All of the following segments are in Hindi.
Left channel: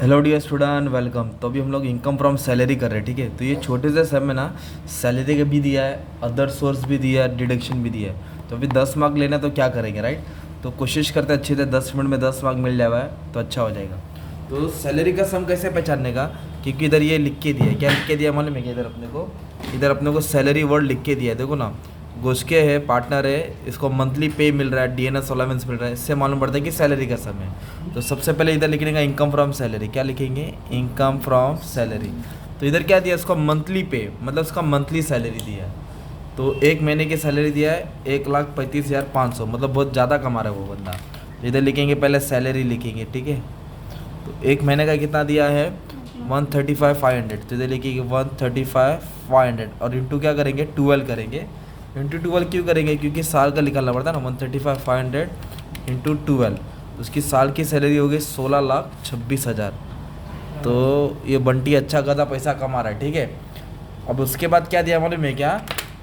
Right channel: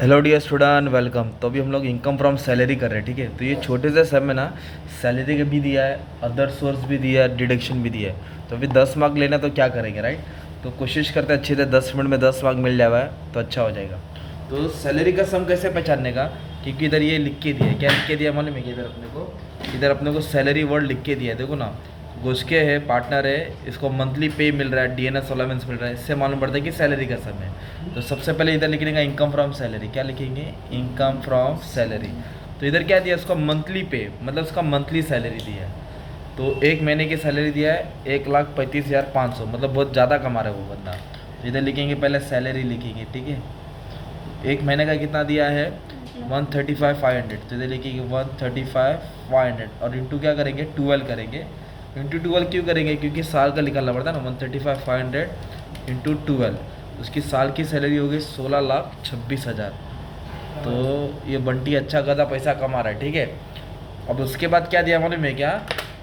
Hello dear student, welcome. तो अभी हम लोग इनकम फ्रॉम सैलरी कर रहे हैं, ठीक है। तो ये छोटे से सब में ना सैलरी का भी दिया है, अदर सोर्स भी दिया है, डिडक्शन भी दिया है। तो अभी 10 मार्क लेना है तो क्या करेंगे, राइट। तो कोशिश करते हैं अच्छे से 10 मिनट में 10 मार्क मिल जाए तो अच्छा हो जाएगा। तो सैलरी का सम कैसे पहचानने का, क्योंकि इधर ये लिख के दिया है। क्या लिख के दिया मालूम है कि इधर अपने को सैलरी वर्ड लिख के दिया है, देखो ना। घुसके है, पार्टनर है, इसको मंथली पे मिल रहा है, डीएनएस अलाउंस मिल रहा है, इससे मालूम पड़ता है कि सैलरी का सम है। तो सबसे पहले इधर लिखेंगे इनकम फ्रॉम सैलरी। क्या लिखेंगे? Income from salary. तो इधर क्या दिया, इसको मंथली पे, मतलब इसका मंथली सैलरी दिया है। तो एक महीने की सैलरी दिया है 1,35,500, मतलब बहुत ज़्यादा कमा रहा है वो बंदा। तो इधर लिखेंगे, पहले सैलरी लिखेंगे, ठीक है। तो एक महीने का कितना दिया है? 135,500। तो इधर लिखेंगे 135,500 और इंटू क्या करेंगे? 12 करेंगे। इंटू 12 क्यों करेंगे? क्योंकि साल का निकालना पड़ता है ना। 135,500 इंटू 12, उसकी साल की सैलरी होगी 16,26,000। तो ये बंटी अच्छा खासा पैसा कमा रहा है, ठीक है। अब उसके बाद क्या दिया मालूम है क्या?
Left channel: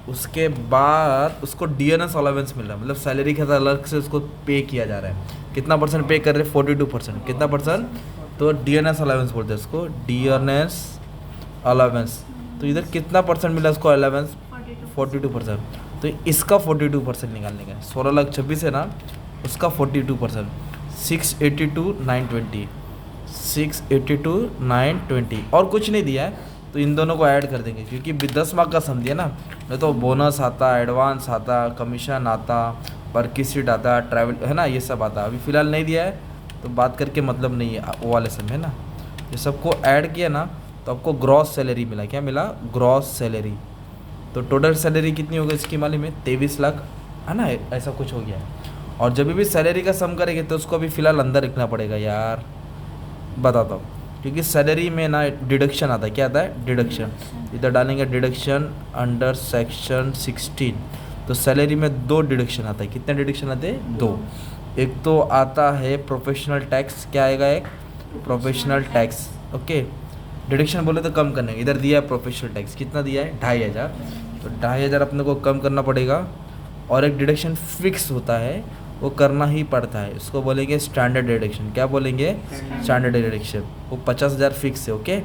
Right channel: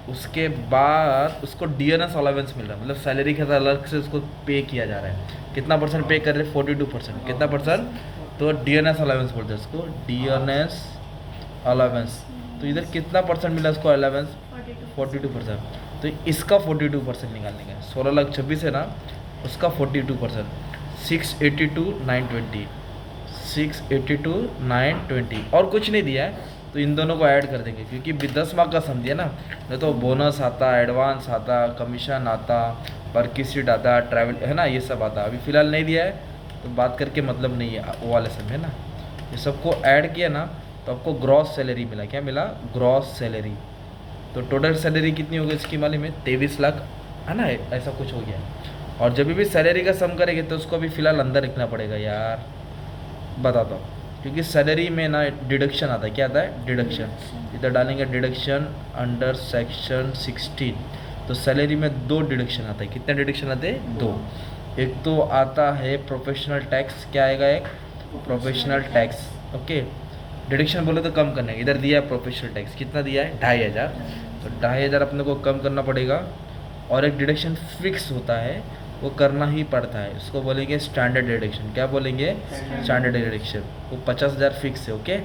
उसके बाद उसको डीएनएस अलाउंस मिल रहा है, मतलब सैलरी के साथ अलग से उसको पे किया जा रहा है। कितना परसेंट पे कर रहे हैं? 42%। कितना परसेंट? तो डीएनएस अलाउंस बोलते हैं उसको, डीएनएस अलाउंस। तो इधर कितना परसेंट मिला उसको अलाउंस? 42%। तो इसका 42% निकालने का, 16,26,000 है ना, उसका 42%, 682,920, 682,920। और कुछ नहीं दिया है तो इन दोनों को ऐड कर देंगे, क्योंकि 10 मार्क का सम दिया ना। नहीं तो बोनस आता, एडवांस आता, कमीशन आता, वर्क सीट आता, ट्रैवल है ना, ये सब आता। अभी फ़िलहाल नहीं दिया है तो बात करके मतलब नहीं है, वो वाले सम है ना। ये सबको ऐड किया ना तो आपको ग्रॉस सैलरी मिला। क्या मिला? Gross salary. तो टोटल सैलरी कितनी होगी इसकी मालूम है? 23 लाख, है ना, ऐसा कुछ हो गया। और जब भी सैलरी का सम करेंगे तो उसको अभी फ़िलहाल अंदर रखना पड़ेगा यार, बताता हूँ। क्योंकि सैलरी में ना डिडक्शन आता है। क्या आता है? डिडक्शन। इधर डालेंगे डिडक्शन अंडर सेक्शन 16। तो सैलरी में 2 डिडक्शन आता है। कितने डिडक्शन आते हैं? 2। एक तो आता है प्रोफेशनल टैक्स। क्या आएगा? एक प्रोफेशनल टैक्स, ओके। डिडक्शन बोले तो कम करने, इधर दिया है प्रोफेशनल टैक्स। कितना दिया है? 2,500। तो 2,500 अपने को कम करना पड़ेगा। और एक डिडक्शन फिक्स होता है, वो करना ही पड़ता है, उसको बोलेंगे स्टैंडर्ड डिडक्शन। क्या बोलेंगे? Standard deduction. वो 50,000 फिक्स है, ओके।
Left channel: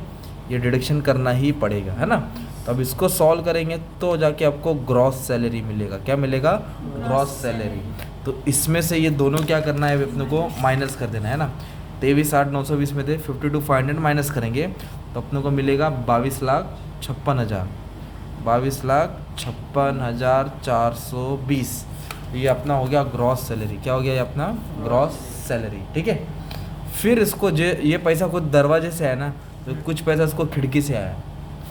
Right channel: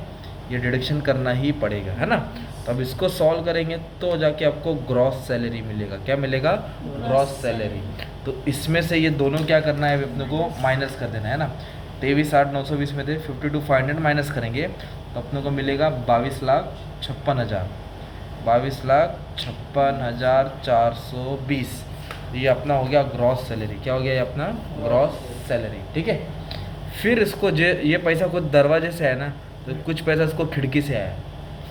ये डिडक्शन करना ही पड़ेगा, है ना। तो अब इसको सॉल्व करेंगे तो जाके आपको ग्रॉस सैलरी मिलेगा। क्या मिलेगा? Gross salary. तो इसमें से ये दोनों क्या करना है अपने को? माइनस कर देना है ना। 23,8,920 में थे, 52,500 माइनस करेंगे तो अपने को मिलेगा 22,56,000, 22,56,420। ये अपना हो गया ग्रॉस सैलरी। क्या हो गया? ये अपना ग्रॉस सैलरी, ठीक है। फिर इसको जो ये पैसा खुद दरवाजे से आया ना, तो कुछ पैसा इसको खिड़की से आया,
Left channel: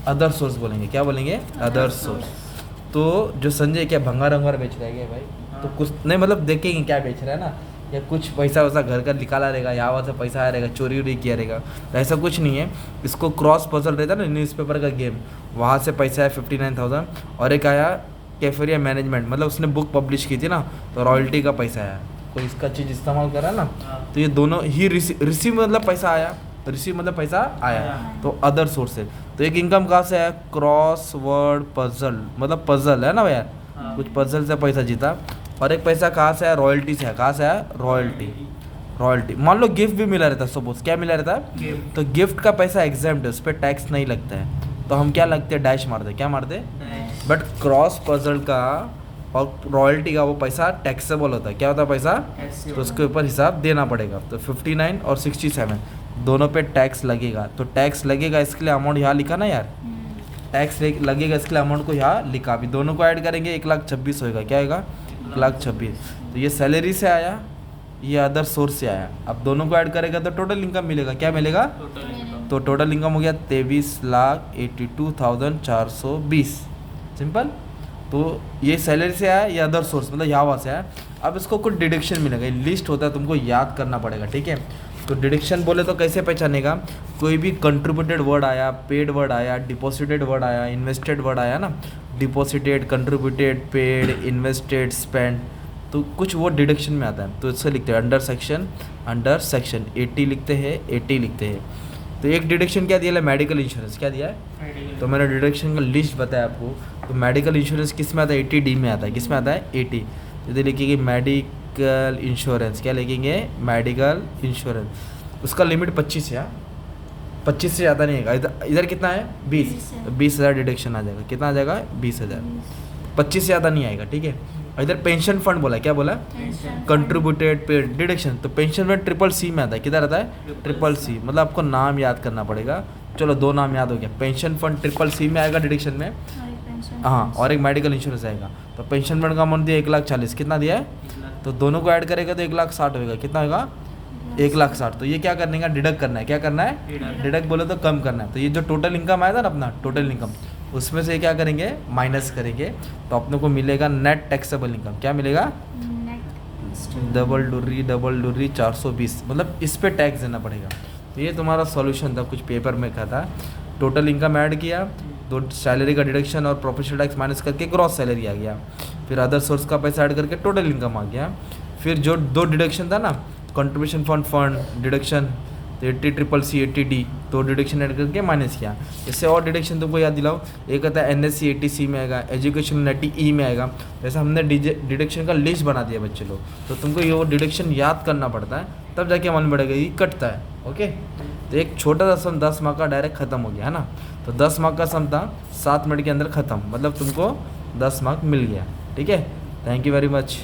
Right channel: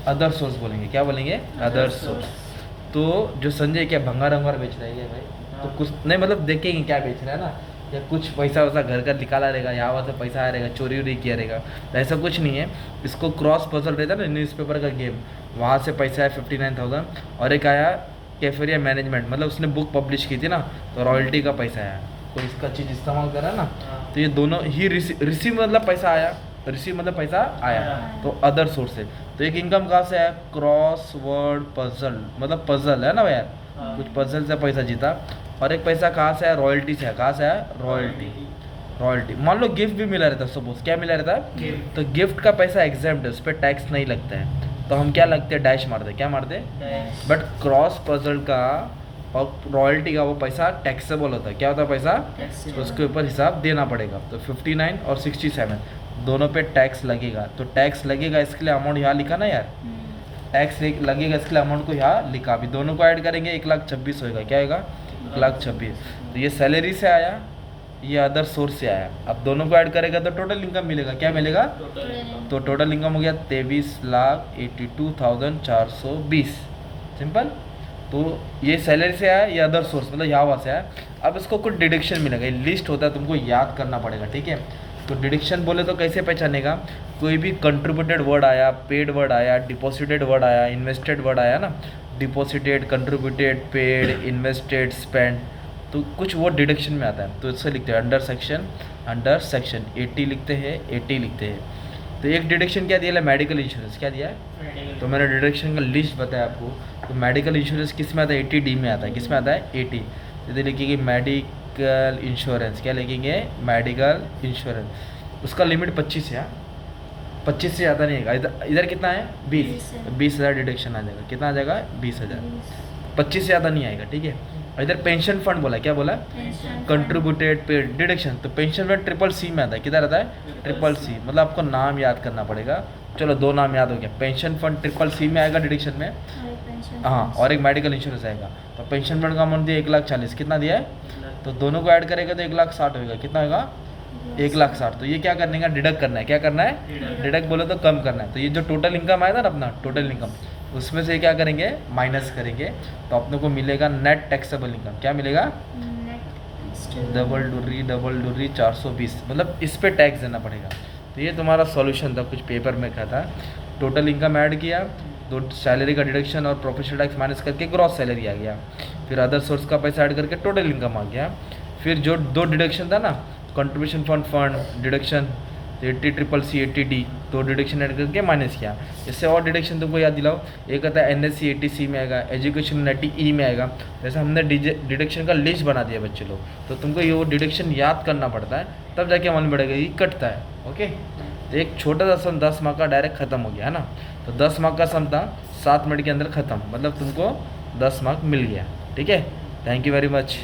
अदर सोर्स बोलेंगे। क्या बोलेंगे? Other source. तो जो संजय क्या भंगार वंगार बेच रहा है क्या भाई? तो कुछ नहीं, मतलब देखेंगे क्या बेच रहा है ना, या कुछ पैसा वैसा घर का निकाला रहेगा, यहाँ वहाँ से पैसा आया रहेगा, चोरी वोरी किया रहेगा। तो ऐसा कुछ नहीं है। इसको क्रॉस पजल रहता है ना, न्यूज़पेपर का गेम, वहाँ से पैसा है 59,000। और एक आया कैफेरिया मैनेजमेंट, मतलब उसने बुक पब्लिश की थी ना, तो रॉयल्टी का पैसा आया। तो इसका चीज़ इस्तेमाल करा ना, तो ये दोनों ही रिसीव मतलब पैसा आया, तो रिसीव मतलब पैसा आया। तो अदर सोर्स है। तो एक इनकम कहाँ से आया? क्रॉस वर्ड पजल, मतलब पजल है ना भैया, कुछ पजल से पैसा जीता। और एक पैसा कहाँ से आया? रॉयल्टी से आया। कहाँ से आया? रॉयल्टी। रॉयल्टी। मान लो गिफ्ट भी मिला रहता है, सपोज क्या मिला रहता है, तो गिफ्ट का पैसा एग्जाम्प्ट है, उस पर टैक्स नहीं लगता है, तो हम क्या लगते हैं? डैश मारते। क्या मारते? बट क्रॉस पजल का और रॉयल्टी का वो पैसा टैक्सेबल होता है। क्या होता है? पैसा, तो उसके ऊपर हिसाब देना पड़ेगा। तो 59 और 67 दोनों पे टैक्स लगेगा। तो टैक्स लगेगा, इसके लिए अमाउंट यहाँ लिखा ना यार, टैक्स लगेगा, इसके लिए अमाउंट को यहाँ लिखा। अभी दोनों को ऐड करेंगे 1,26,000 होगा। क्या होगा? 1,26,000। तो ये सैलरी से आया, ये अदर सोर्स से आया। अब दोनों को ऐड करेगा तो टोटल इनकम मिलेगा। क्या मिलेगा? तो टोटल इनकम हो गया 23,82,420। सिंपल। तो ये सैलरी से आया, ये अदर सोर्स मतलब यहाँ वहाँ से आया। अब इसको कुछ डिडक्शन मिलेगा, ये लिस्ट होता है, तुमको याद करना पड़ेगा, ठीक है। तो डिडक्शन बोले तो कैसे पहचानेगा? कोई भी कंट्रीब्यूटेड वर्ड आया, पेड वर्ड आया, डिपॉजिटेड वर्ड आया, इन्वेस्टेड वर्ड आया ना, deposited, contributed, paid, invested, spend, तो कुछ वो डिडक्शन में आता है। तो इससे लिखते हैं अंडर सेक्शन 80 लिखते हैं, 80 लिखते हैं। तो एक डिडक्शन क्या दिया है? Medical insurance. क्या दिया है? तो मैंने डिडक्शन का लिस्ट बताया आपको। तो मेडिकल इंश्योरेंस किस में आता है? 80D में आता है। किस में आता है? 80। इधर लिखिएगा मेडिकल इंश्योरेंस। क्या लिखेंगे? Medical insurance. उसका लिमिट 25 है। 25 से ज़्यादा नहीं आएगा। इधर इधर कितना है 20, तो 20,000 डिडक्शन आ जाएगा। कितना आ जाएगा 20,000, 25 से ज़्यादा नहीं आएगा, ठीक है। इधर पेंशन फंड बोला, क्या बोला, कंट्रीब्यूटेड पेड डिडक्शन। तो पेंशन फंड ट्रिपल सी में आता है, किधर आता है ट्रिपल सी, मतलब आपको नाम याद करना पड़ेगा। चलो 2 नाम याद हो गया, पेंशन फंड ट्रिपल सी में आएगा डिडक्शन में, हाँ, और एक मेडिकल इंश्योरेंस आएगा। तो पेंशन फंड का अमाउंट दिया 1,40,000, कितना दिया है, तो दोनों को ऐड करेगा तो 1,60,000 होगा। कितना होगा 1,60,000। तो ये क्या करने का, डिडक्ट करना है। क्या करना है, डिडक्ट बोले तो कम करना है। तो ये जो टोटल इनकम आया था ना अपना, टोटल इनकम, उसमें से क्या करेंगे, माइनस करेंगे, तो अपने को मिलेगा नेट टैक्सेबल इनकम। क्या मिलेगा, डबल डुर्री 420, मतलब इस पे टैक्स देना पड़ेगा। तो ये तुम्हारा सॉल्यूशन था, कुछ पेपर में का था। टोटल इनकम ऐड किया, दो सैलरी का डिडक्शन और प्रोफेशनल टैक्स माइनस करके ग्रॉस सैलरी आ गया। फिर अदर सोर्स का पैसा ऐड करके टोटल इनकम आ गया। फिर जो 2 डिडक्शन था ना, कंट्रीब्यूशन फंड डिडक्शन, तो 80CCC 80D, तो डिडक्शन ऐड करके माइनस किया। इससे और डिडक्शन तुमको याद दिलाओ, एक आता है NSC 80C में आएगा, एजुकेशन 80E में आएगा। वैसे हमने डिडक्शन का लिस्ट बना दिया बच्चे लोग, तो तुमको ये वो डिडक्शन याद करना पड़ता है, तब जाके मन बढ़ेगा, ये कटता है। ओके, तो एक छोटा सा सम 10 मार्क का डायरेक्ट खत्म हो गया है ना। तो 10 मार्क का सम था, 7 मिनट के अंदर खत्म, मतलब तुमको 10 मार्क मिल गया। ठीक है, थैंक यू वेरी मच।